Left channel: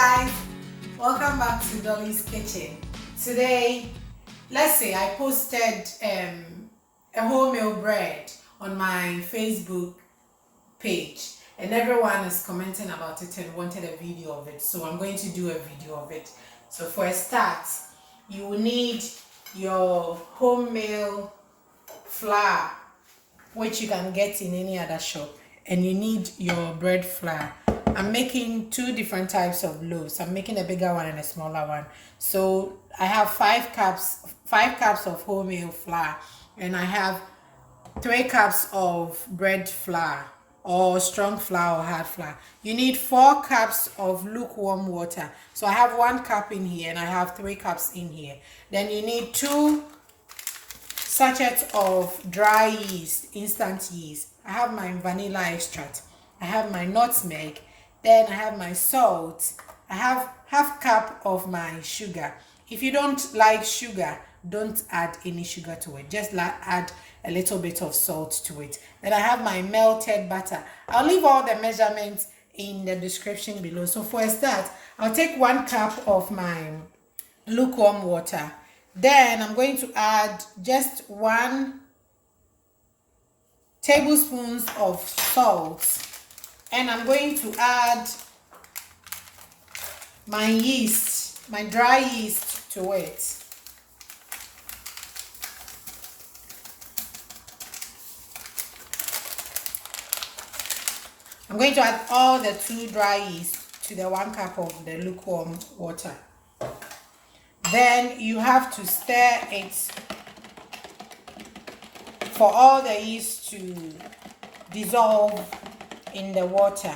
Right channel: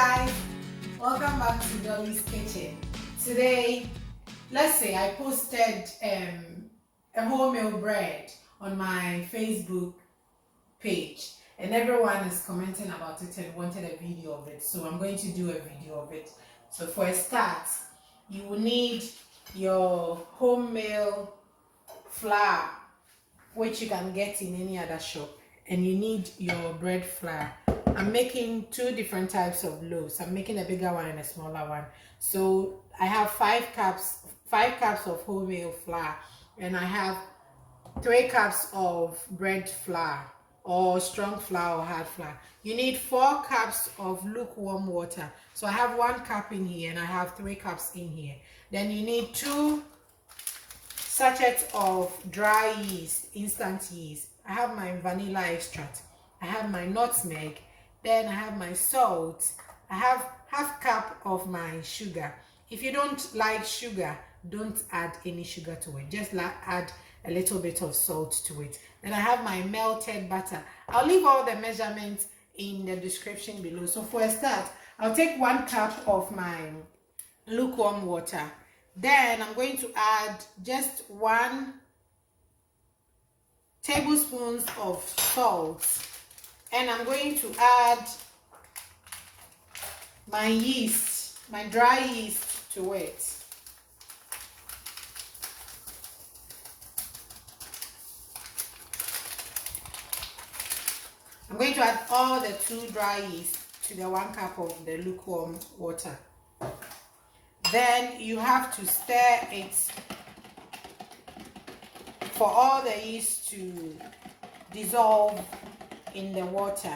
guys, welcome back to Dolly's Kitchen. Today, let's say I posted a wholemeal bread on my Facebook page and everyone is commenting about it and wanted a video of it, so I'm going to do a video of it. So for a start, you will need your wholemeal flour, which you can get in any other shop, and you need your bread flour. I'm making two different types of loaves. I'm making a bigger one and a smaller one. So I have 5 cups of wholemeal flour, and I have 3 cups of bread flour or strong flour or hard flour. You need 4 cups of lukewarm water. So I have 1 cup in here and I have 3 cups in here. Then you need 2 sachets of dry yeast, instant yeast. I have my vanilla extract. I have my nutmeg. Then I have my salt. I have half cup of my sugar. If you don't like sugar, don't add any sugar to it. Just add a little bit of salt to it. Then I have my melted butter. I'll leave all the measurements in the description below. So for a start, I'll take 1 cup of my lukewarm water. Then I'm going to add just 1 tablespoon of salt. And I'm going to add my yeast, my dry yeast to it. I'm going to add all the 2 dry yeast to the 1 cup of the lukewarm water. Then you have to stir it for all the yeast to dissolve in the water.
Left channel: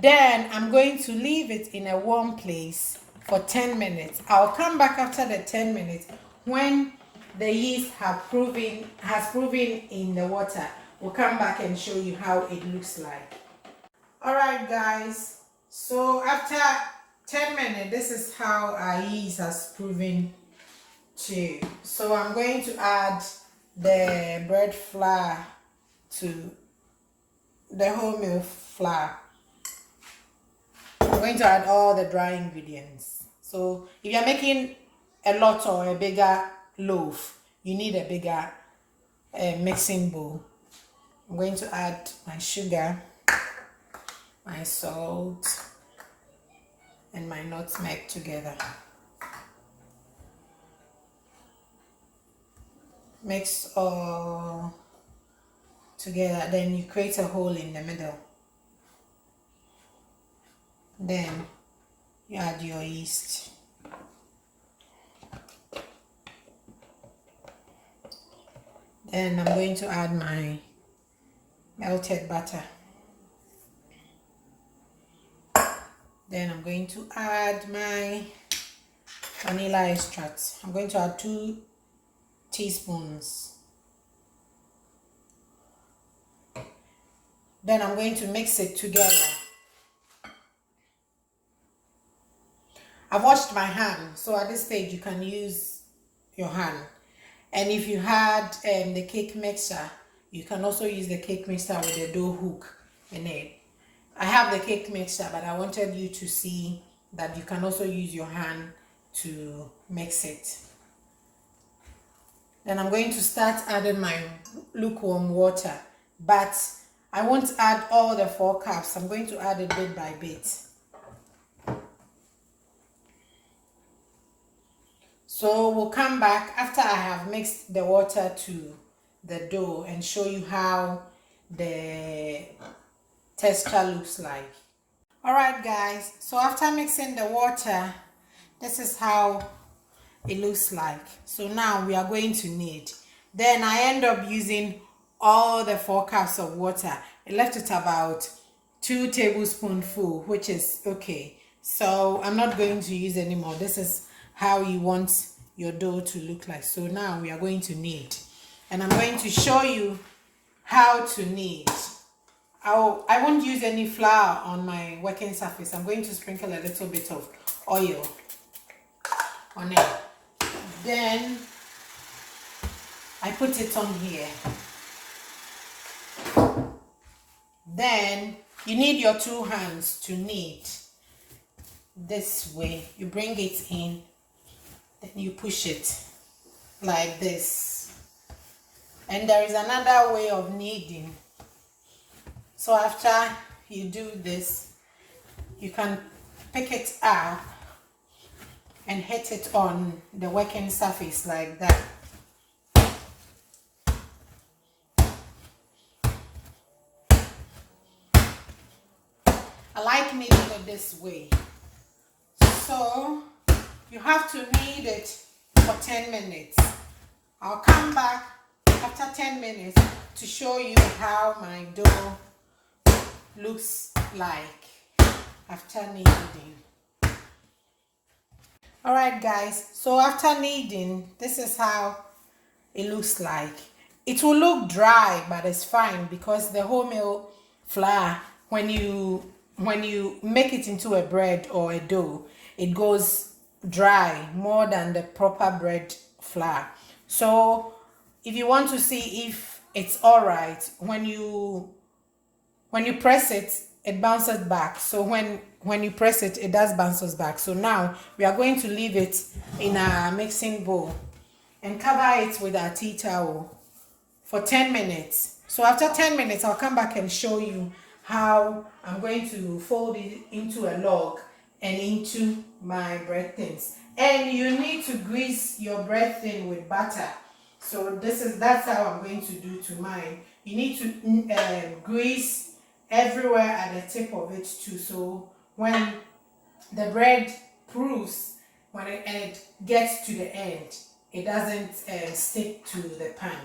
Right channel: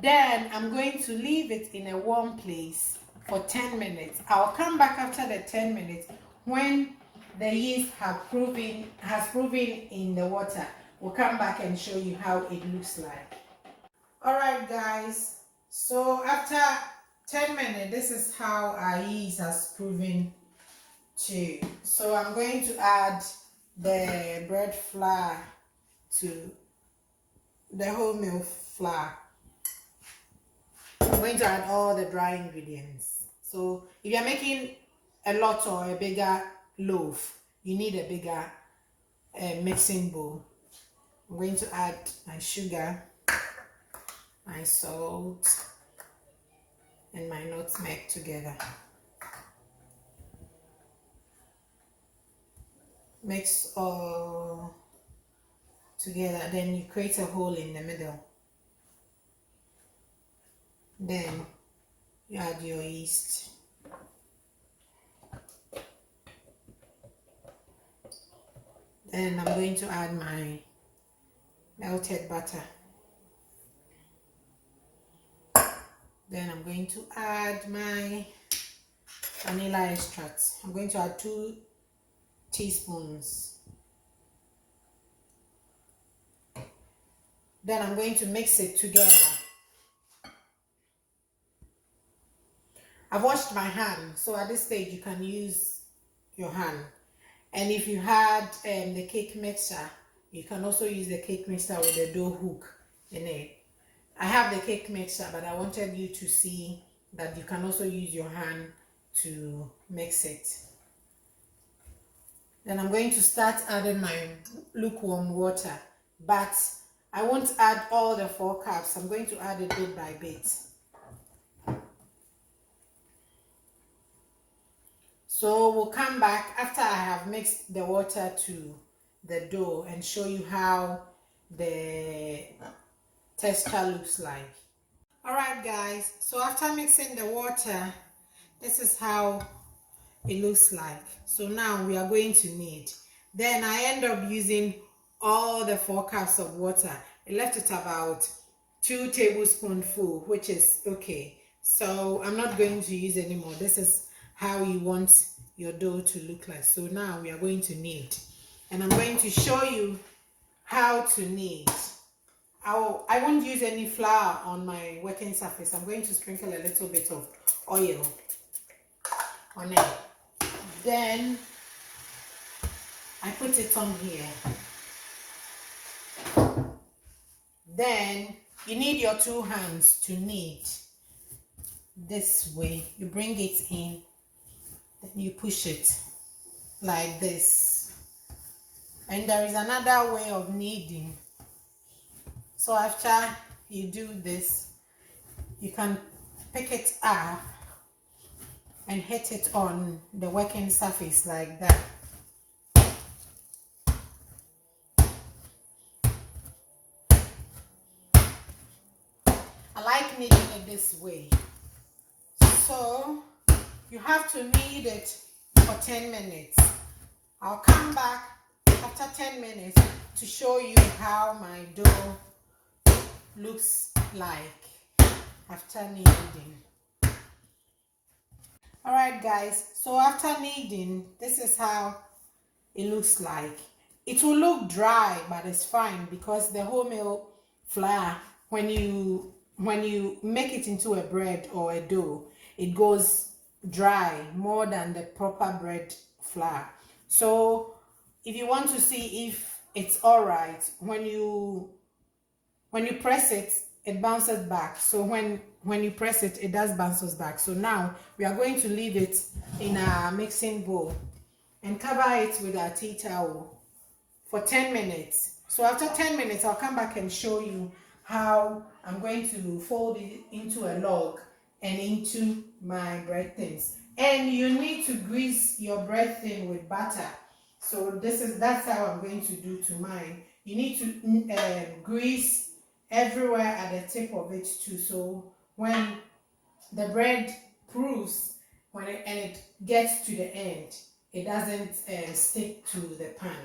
Then I'm going to leave it in a warm place for 10 minutes. I'll come back after the 10 minutes when the yeast has proven in the water. We'll come back and show you how it looks like. Alright guys, so after 10 minutes, this is how our yeast has proven to. So I'm going to add the bread flour to the wholemeal flour. I'm going to add all the dry ingredients. So if you're making a lot or a bigger loaf, you need a bigger mixing bowl. I'm going to add my sugar, my salt, and my nutmeg together. Mix all together, then you create a hole in the middle. Then you add your yeast. Then I'm going to add my melted butter. Then I'm going to add my vanilla extract. I'm going to add 2 teaspoons. Then I'm going to mix it together. I've washed my hand, so at this stage you can use your hand. And if you had the cake mixer, you can also use the cake mixer with the dough hook in it. I have the cake mixer, but I wanted you to see that you can also use your hand to mix it. Then I'm going to start adding my lukewarm water, but I won't add all the 4 cups. I'm going to add it bit by bit. So we'll come back after I have mixed the water to the dough and show you how the texture looks like. Alright guys, so after mixing the water, this is how it looks like. So now we are going to knead. Then I end up using all the 4 cups of water. I left it about 2 tablespoons full, which is okay. So I'm not going to use anymore. This is how you want your dough to look like. So now we are going to knead. And I'm going to show you how to knead. I won't use any flour on my working surface. I'm going to sprinkle a little bit of oil on it. Then I put it on here. Then you need your 2 hands to knead. this way. You bring it in, then you push it like this. And there is another way of kneading. So after you do this, you can pick it up and hit it on the working surface like that. I like kneading it this way. So you have to knead it for 10 minutes. I'll come back after 10 minutes to show you how my dough looks like after kneading. Alright guys, so after kneading, this is how it looks like. It will look dry, but it's fine because the wholemeal flour, when you make it into a bread or a dough, it goes dry more than the proper bread flour. So if you want to see if it's all right, when you press it, it bounces back. So when you press it, it does bounces back. So now we are going to leave it in a mixing bowl and cover it with our tea towel for 10 minutes. So after 10 minutes, I'll come back and show you how I'm going to fold it into a log and into my bread thins. And you need to grease your bread thin with butter. So that's how I'm going to do to mine. You need to grease everywhere at the tip of it too. So when the bread proofs, when it gets to the end, it doesn't stick to the pan.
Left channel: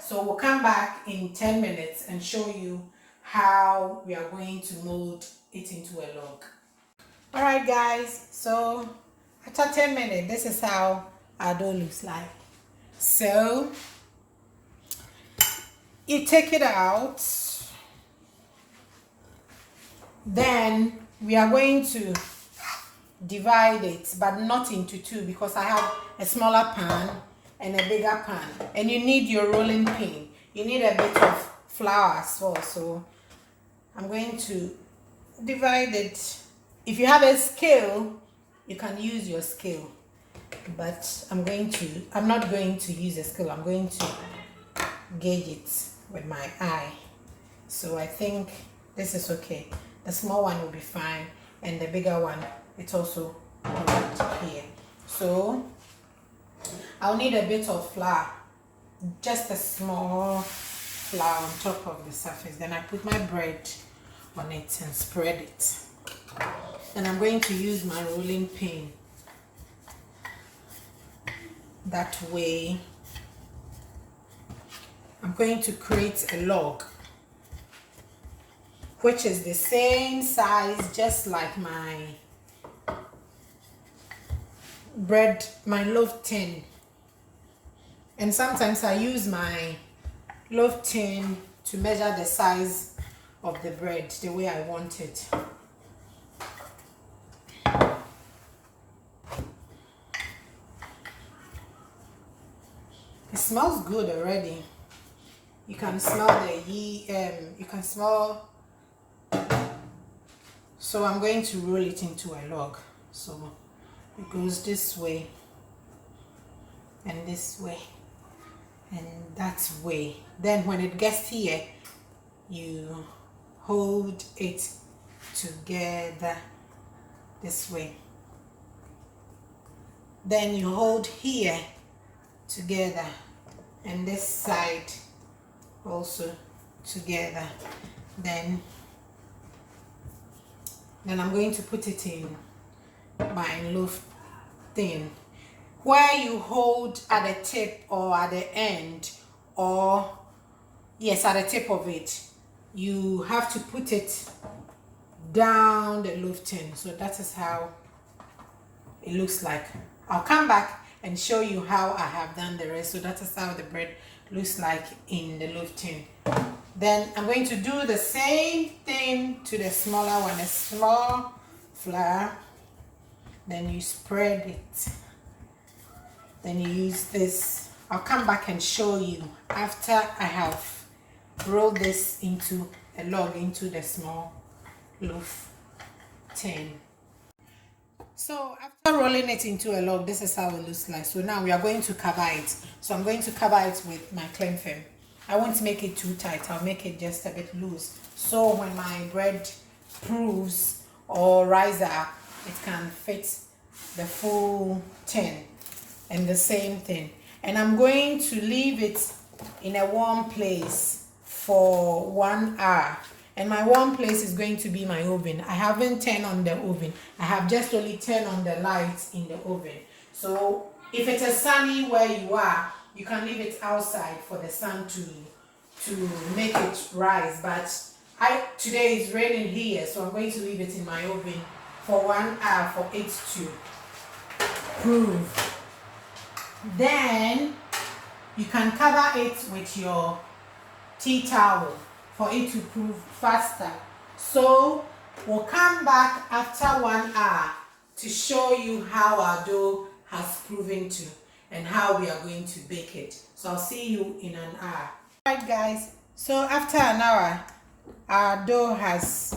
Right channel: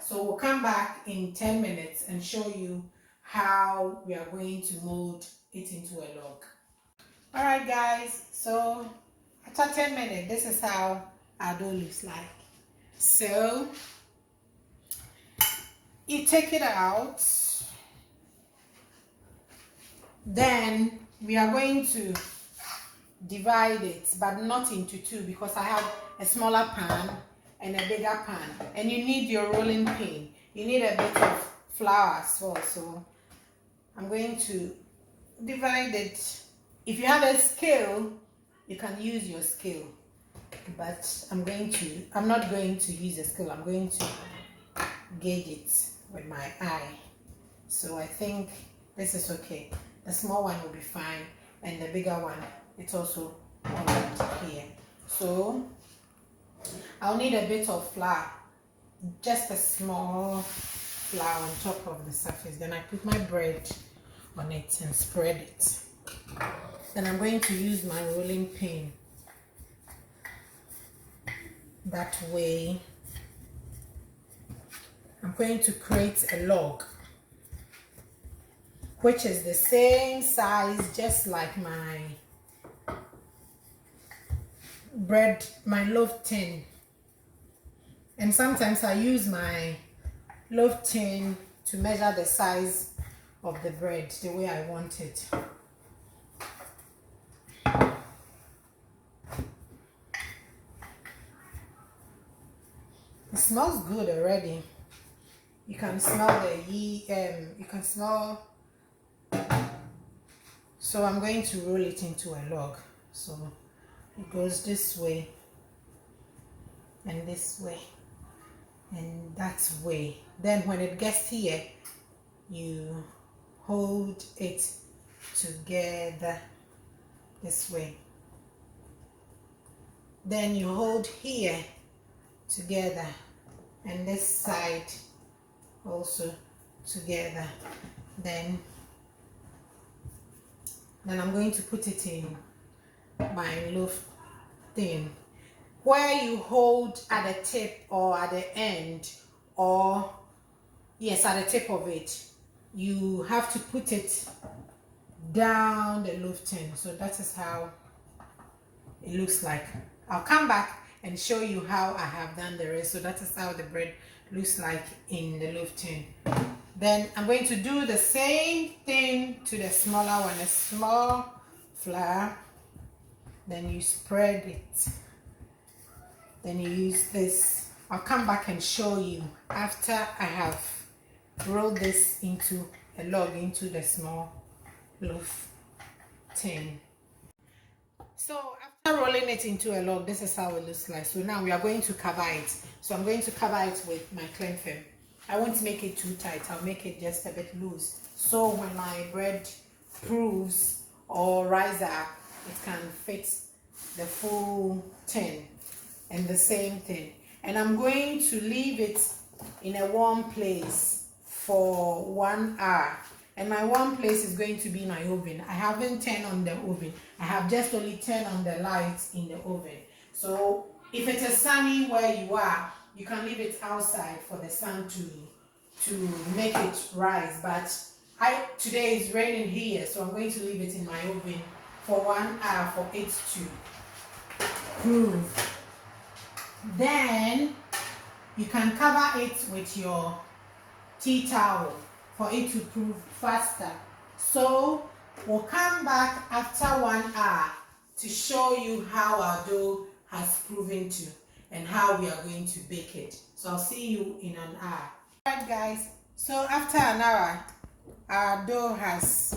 So we'll come back in 10 minutes and show you how we are going to mold it into a log. Alright guys, so after 10 minutes, this is how our dough looks like. So you take it out, then we are going to divide it, but not into two because I have a smaller pan and a bigger pan, and you need your rolling pin. You need a bit of flour as well. So I'm going to divide it. If you have a scale, you can use your scale, but I'm not going to use a scale. I'm going to gauge it with my eye. So I think this is okay. The small one will be fine, and the bigger one, it's also right here. So I'll need a bit of flour, just a small flour on top of the surface. Then I put my bread on it and spread it. And I'm going to use my rolling pin. That way, I'm going to create a log, which is the same size, just like my bread, my loaf tin. And sometimes I use my loaf tin to measure the size of the bread the way I want it. It smells good already. You can smell the you can smell. So I'm going to roll it into a log. So it goes this way and this way and that way. Then when it gets here, you hold it together this way. Then you hold here together and this side also together. Then I'm going to put it in my loaf thing, where you hold at the tip or at the end, or yes, at the tip of it. You have to put it down the loaf tin. So that is how it looks like. I'll come back and show you how I have done the rest. So that is how the bread looks like in the loaf tin. Then I'm going to do the same thing to the smaller one, a small flour. Then you spread it. Then you use this. I'll come back and show you after I have rolled this into a log, into the small loaf tin. So after rolling it into a log, this is how it looks like. So now we are going to cover it. So I'm going to cover it with my cling film. I won't make it too tight. I'll make it just a bit loose. So when my bread proves or rises up, it can fit the full tin and the same thing. And I'm going to leave it in a warm place for 1 hour. And my warm place is going to be my oven. I haven't turned on the oven. I have just only turned on the lights in the oven. So if it is sunny where you are, you can leave it outside for the sun to make it rise. But today is raining here, so I'm going to leave it in my oven for 1 hour for it to prove. Then you can cover it with your tea towel for it to prove faster. So we'll come back after 1 hour to show you how our dough has proven to and how we are going to bake it. So I'll see you in an hour. Alright guys, so after an hour our dough has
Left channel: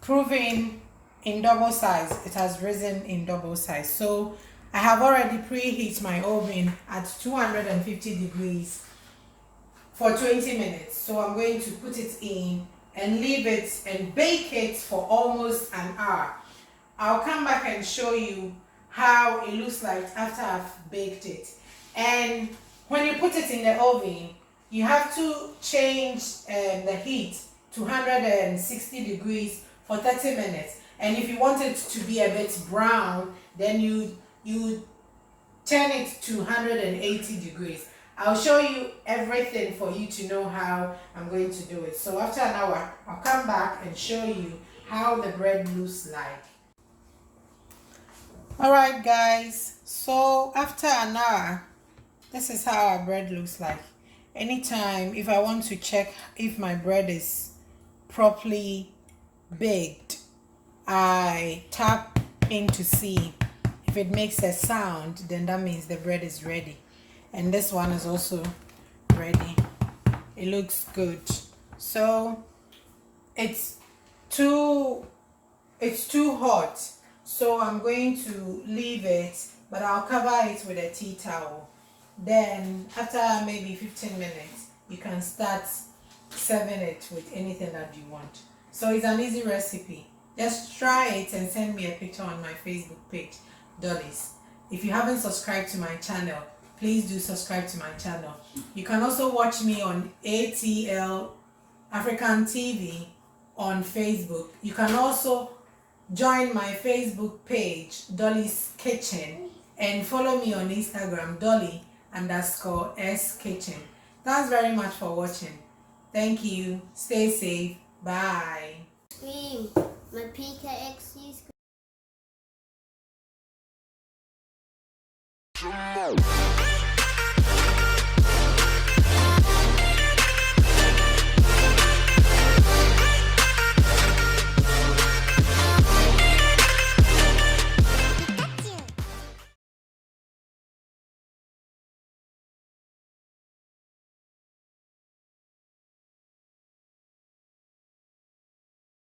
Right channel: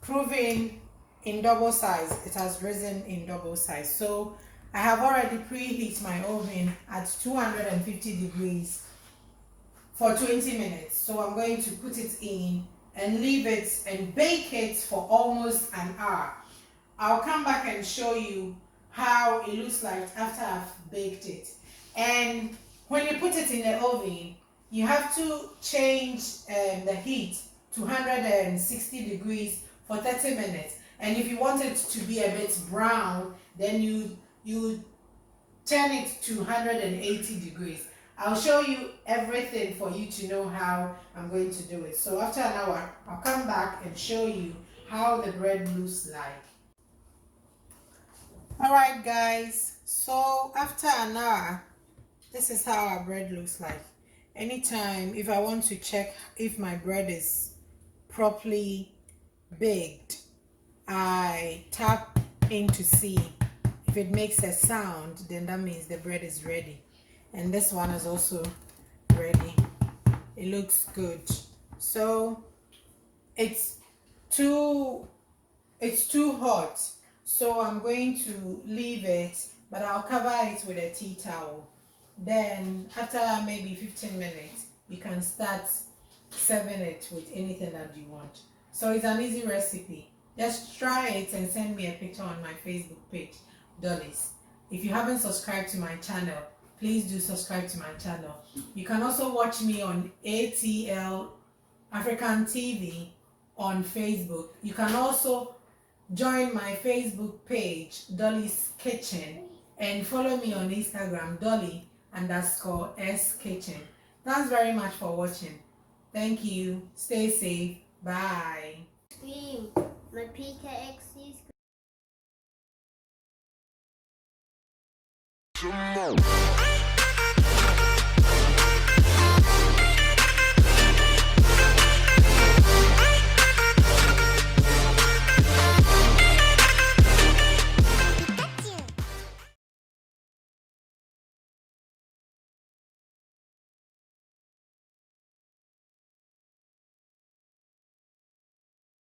proven in double size. It has risen in double size. So I have already preheat my oven at 250 degrees for 20 minutes. So I'm going to put it in and leave it and bake it for almost an hour. I'll come back and show you how it looks like after I've baked it. And when you put it in the oven, you have to change the heat to 160 degrees for 30 minutes. And if you want it to be a bit brown, then you turn it to 180 degrees. I'll show you everything for you to know how I'm going to do it. So after an hour, I'll come back and show you how the bread looks like. Alright guys, so after an hour, this is how our bread looks like. Anytime, if I want to check if my bread is properly baked, I tap in to see if it makes a sound, then that means the bread is ready. And this one is also ready. It looks good. So it's too hot, so I'm going to leave it, but I'll cover it with a tea towel. Then after maybe 15 minutes, you can start serving it with anything that you want. So it's an easy recipe. Just try it and send me a picture on my Facebook page, Dolly's. If you haven't subscribed to my channel, please do subscribe to my channel. You can also watch me on ATL African TV on Facebook. You can also join my Facebook page, Dolly's Kitchen, and follow me on Instagram, Dolly_S Kitchen. Thanks very much for watching. Thank you. Stay safe. Bye. Scream. My PKXC scream.